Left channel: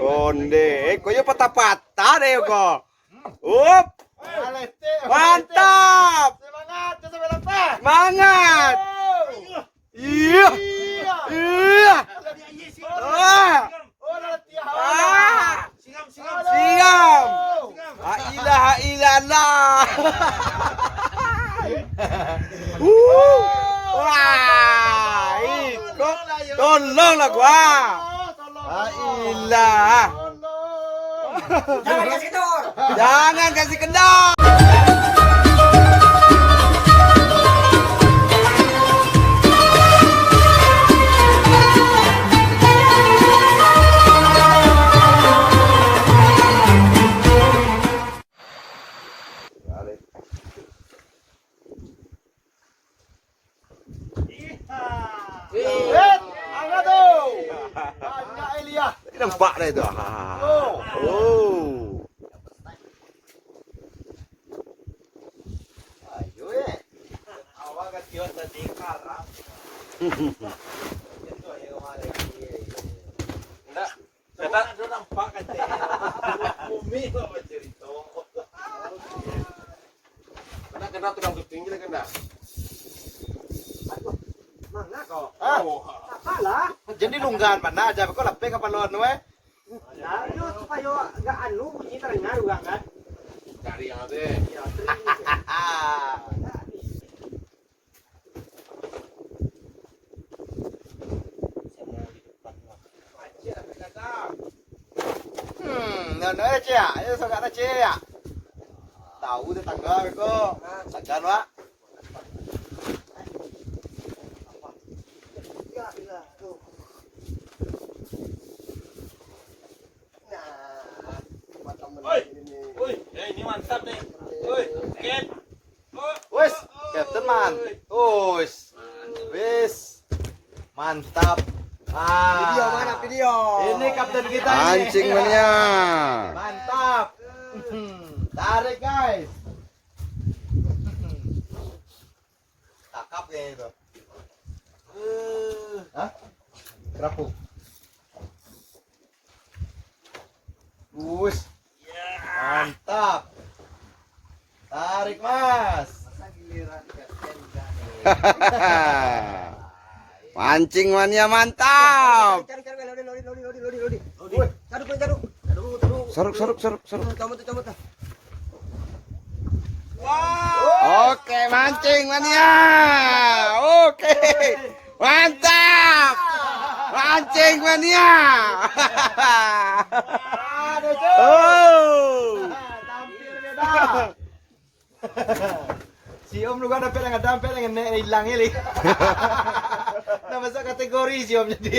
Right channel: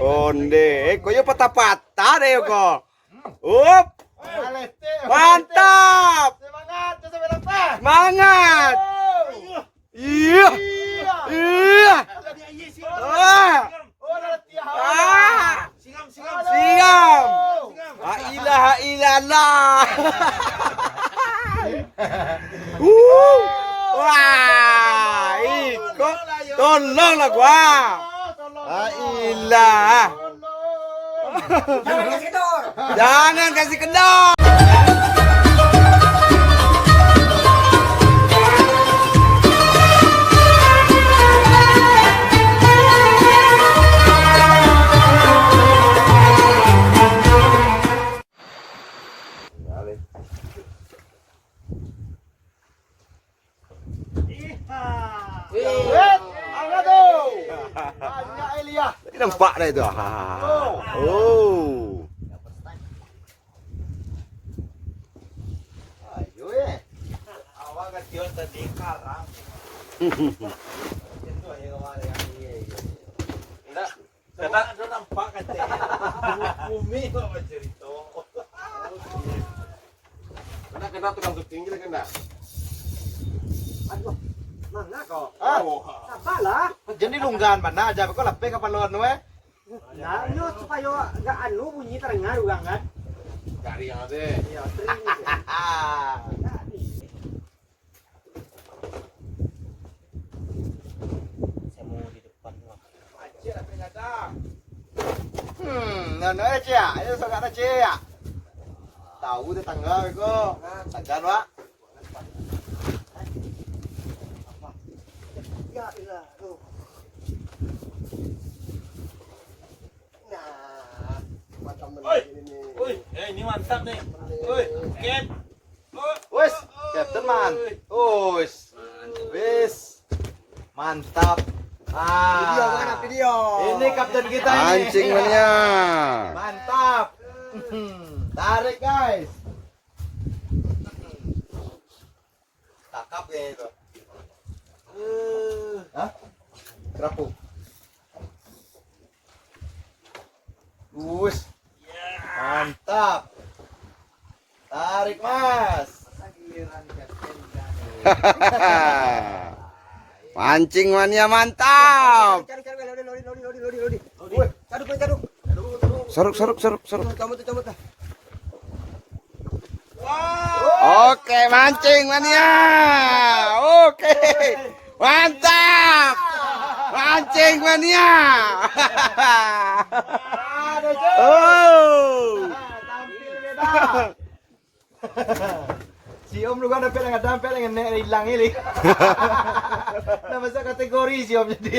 Onde, koyo patah-patah deh kok. Up. Mantap. Semangat. Iya. Iya. Siam. La ilaha illallah. Wah, ikut tolonglah gua. La ilah. Jangan kasih kendor. Jangan kasih kendor. Nampak dah itu. Oh. Ayo awak ketior tadi kalah. Enggak. Kita ada nampak aja. Bumi kok cerita. Kena tukang tinggi kena. Aduh. Mana kok? Salah. Jadi lunggan mana aja kok lepek apa luar we? Ya, lu supaya enggak anu bunyi terdengar ulang kan. Cari yang ada. Ya, nana aja, ayo sangat aja ya. Tahu tetangga kok, sadar pak. Ya, ilah, tuh. Woi, ini mantap nih. Woi, Ken. Wes, teman. Wes. Mantap. Video mana video? Ini kapten kita nih. Pancing mania. Mantap. Tarik guys. Takap ya itu. Hah? Kerapuk. Bus. Mantap. Tarik mas. Mancing mania mantap. Lodi. Cari. Seruk. Kamu tuh. Oke, mancing mania. Oke. Mantap. Mancing mania. Oh. Si Om lu ada peleng hilang ini. Nama saya kategori si Om jadi.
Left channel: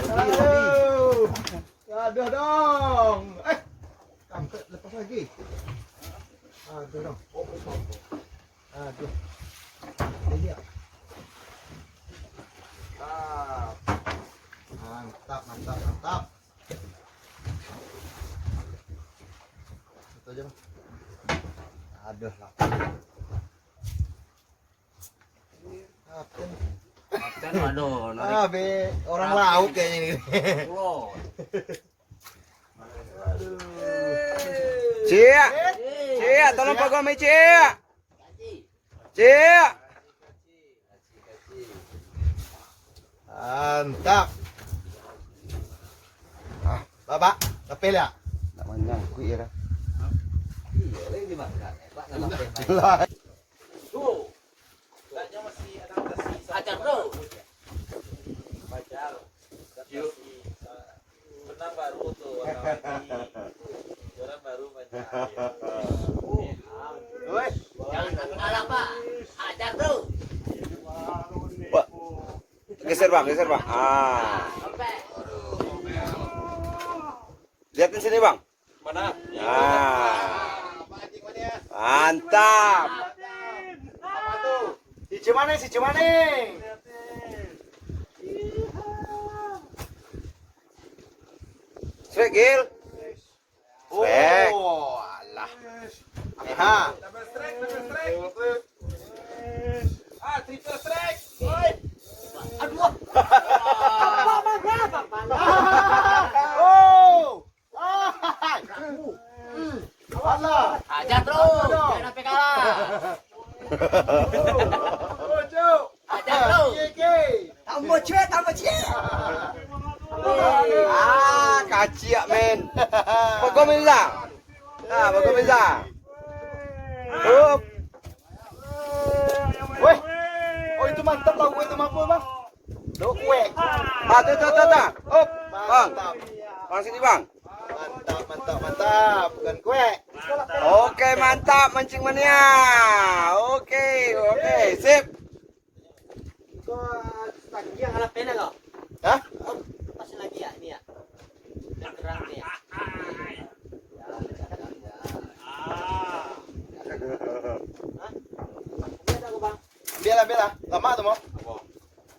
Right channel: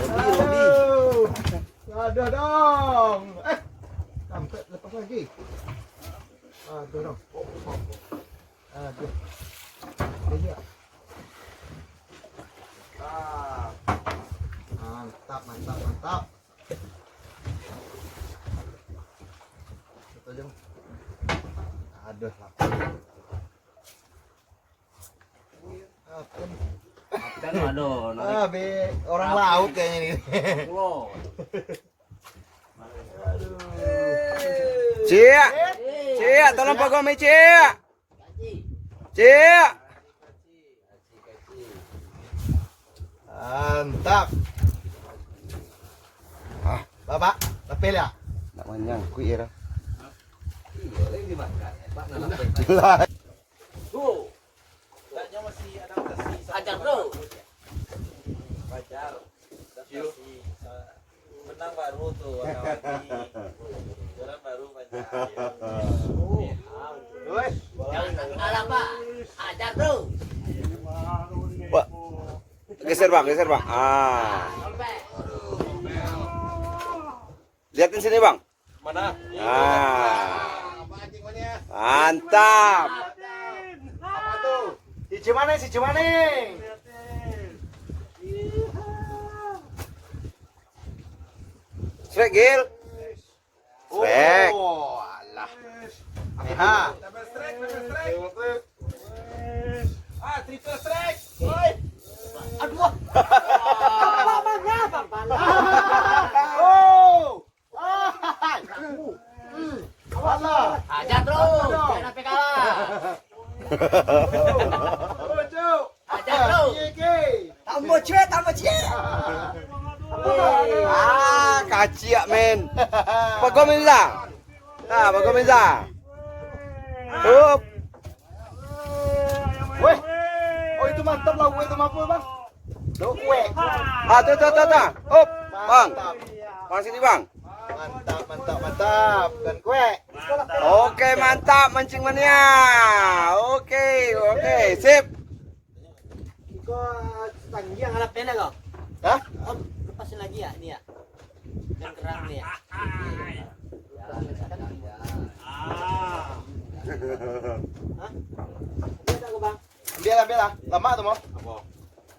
Lodi. Aduh dong. Sampai lepas lagi. Aduh dong. Aduh. Ini ya. Mantap. Itu aja. Aduh lah. Kan aduh, Be orang laut kayaknya ini. Cia, tolong Pak Gomi, Cia. Mantap. Bapak, lepel ya? Nak manyang, kui ya. iya, lagi dimakan. Pak, Ajar bro. Menang baru tuh. Jualan baru Jangan kalah Pak. Ajar bro. Geser bang. Lihatin sini bang. Mana? Mantap. Apa tuh? Si Cimane. Strek Gil. Strek. Oh, alah. Double strike. Triple strike. Oi. Aduh. Apa Oh. Ajar terus. Jangan sampai kalah. Ajar terus. Tambah cie. Ah, kacik men. Bagomeza. Nah, bagomeza. Up. Woi. Oh itu mantap lah, itu mampu bang. Kue. Ah, tuh. Up, bang. Bang sini bang. Mantap. Bukan kue. Oke, mantap mancing mania. Oke, sip. Tanggi yang anak nenek loh. Hah? Pasang lagi ya, ini ya. Dan terang nih ya. Ambil lah. Lama tuh mau.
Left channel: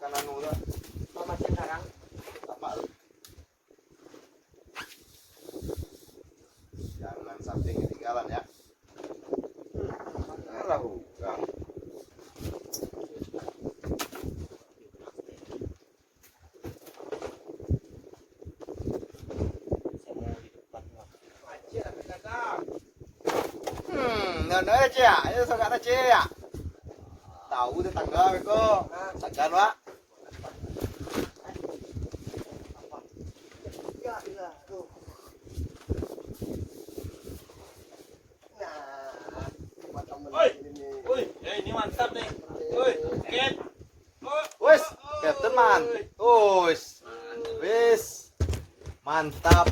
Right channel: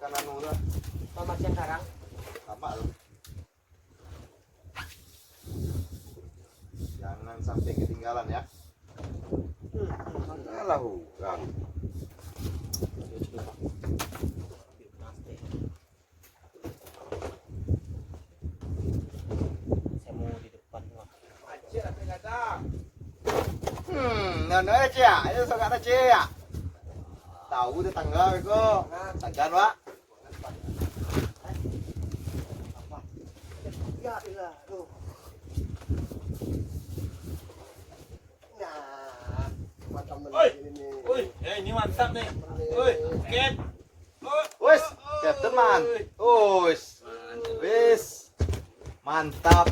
Kanan udah. Kalau macam sekarang. Lama. Jangan sampai ketinggalan ya. Alah, bang. Saya mau di depan. Nana cia, itu suka ada cia. Tahu tetangga kok. Tangga pak. Ya ilah, tuh. Nah, macam ini. Ini mantap nih. Woi, ket. Wes, ya teman. Wes. Mantap.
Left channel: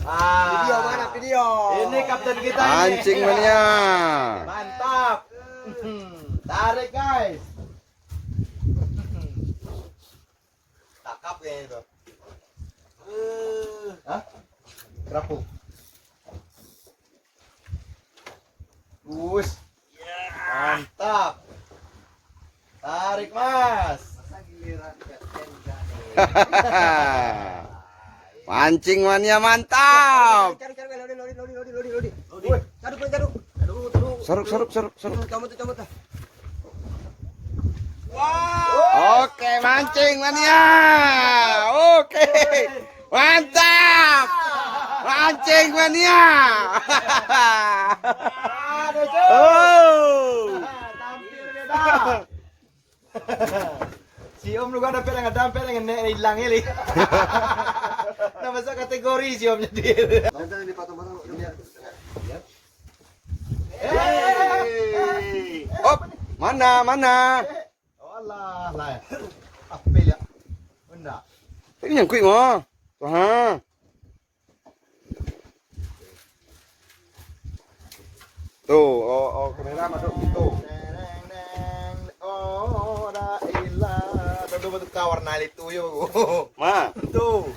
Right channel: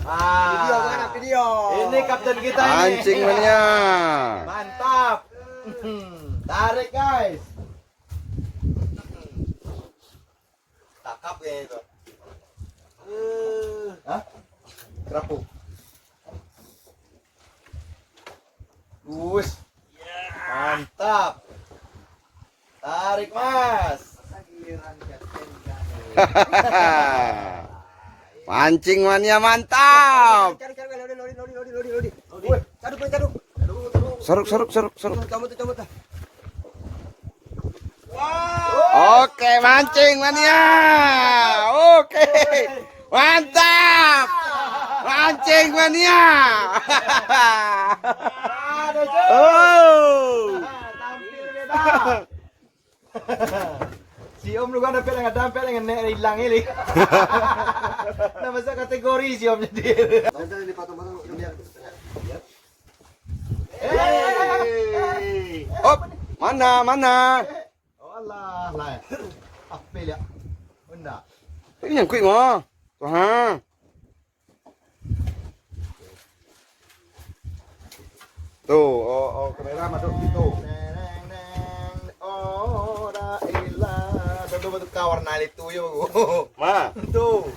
Video mana video? Ini kapten kita nih. Mancing mania. Mantap. Tarik guys. Tangkap ya itu. Hah? Kerapuk. Bus. Mantap. Tarik mas. Mancing mania mantap. Seruk. Oke, mancing mania. Oke. Mantap. Mancing mania. Oh. Si Om lu kan ada pelengan nek hilang ini. Nah, masuk kategori si Om jadi. Mantan di patung-patung biar. Op, mana? Oh lah. Apel ya. Benda. Ini yang kuih ngah. Tuh ha. Tuh, oh, kamera masuk situ. Oh, la ilah. Betul kawarna itu yo. Mana? Tuh.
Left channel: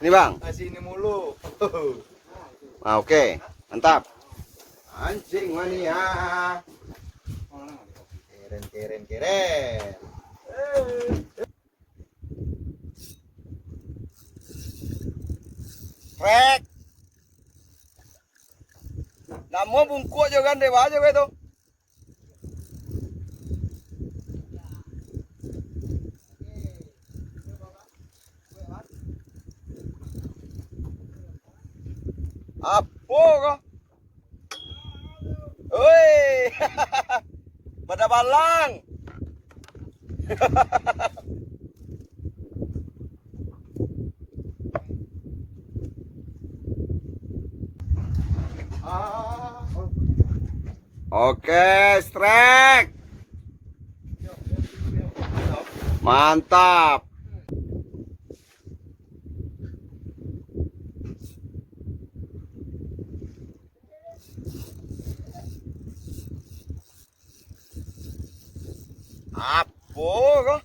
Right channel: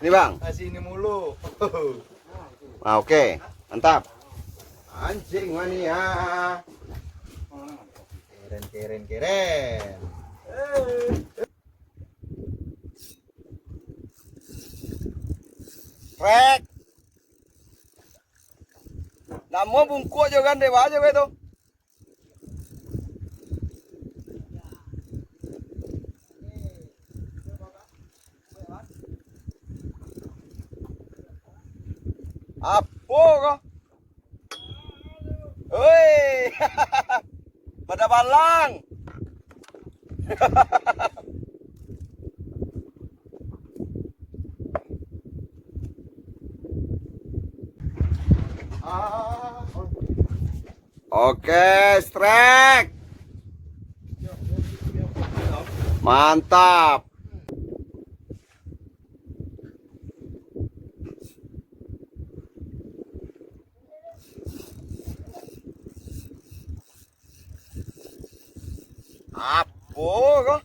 Ini bang. Sini mulu. Ah, oke, mantap. Anjing mania. Keren. Rek. Namo bungkuk aja kan dewa aja itu. Apa kok? Oi. Pada balang. Oke, strike. Mantap. Apa kok?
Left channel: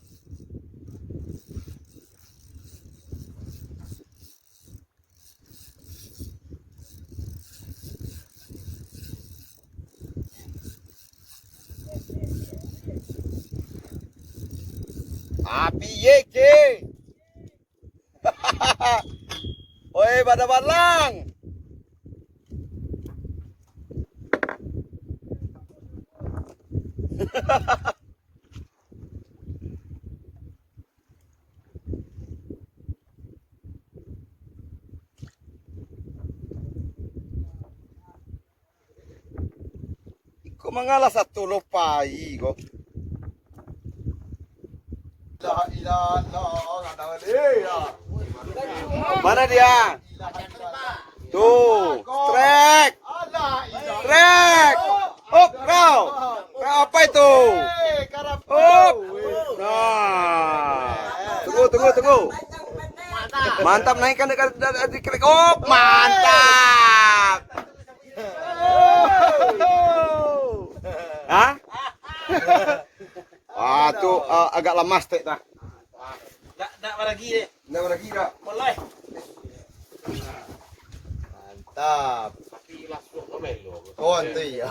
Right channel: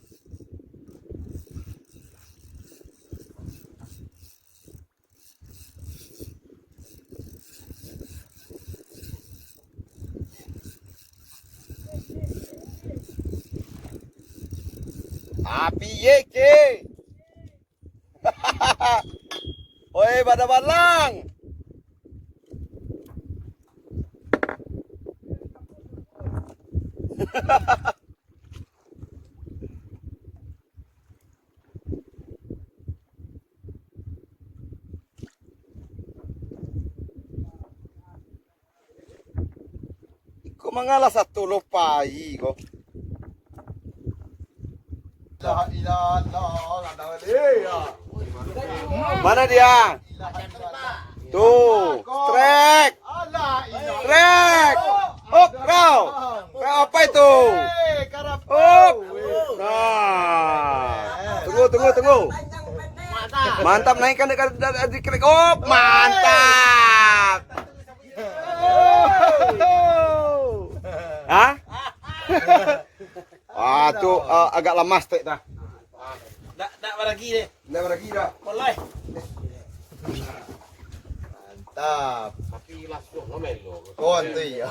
Api yeke. Oi, pada balang. kok mengalah satu lupai kok. La ilaha illallah. Mana dia? Tuh, trek. Trek. Hop, kau. Kau apa itu? Hop. Nah. Tunggu. Mantap naikkan dekat diklik. Oh, mantap. Hah? Wah, tuh agak lemas tek dah. Nak lagi deh. Nggak lagi dah. Mulai. Mantap. Tapi langsung melo. Konti ya.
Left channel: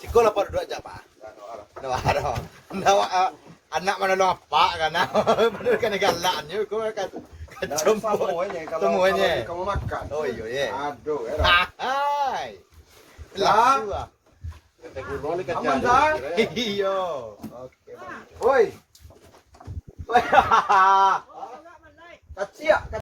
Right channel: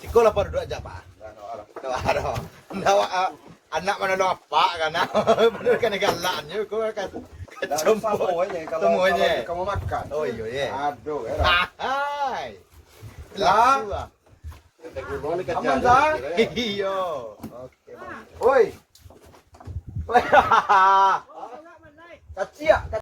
Sikol apa duduk aja, Pak? Ada. Anak mana lo apa kan? Bener kan galannya kau kan. Semuanya. Kamu makan. Oh iya. Aduh, era. Hai. Lah. Aman dah. Iya. Oke. Woi. Woi. Kacia.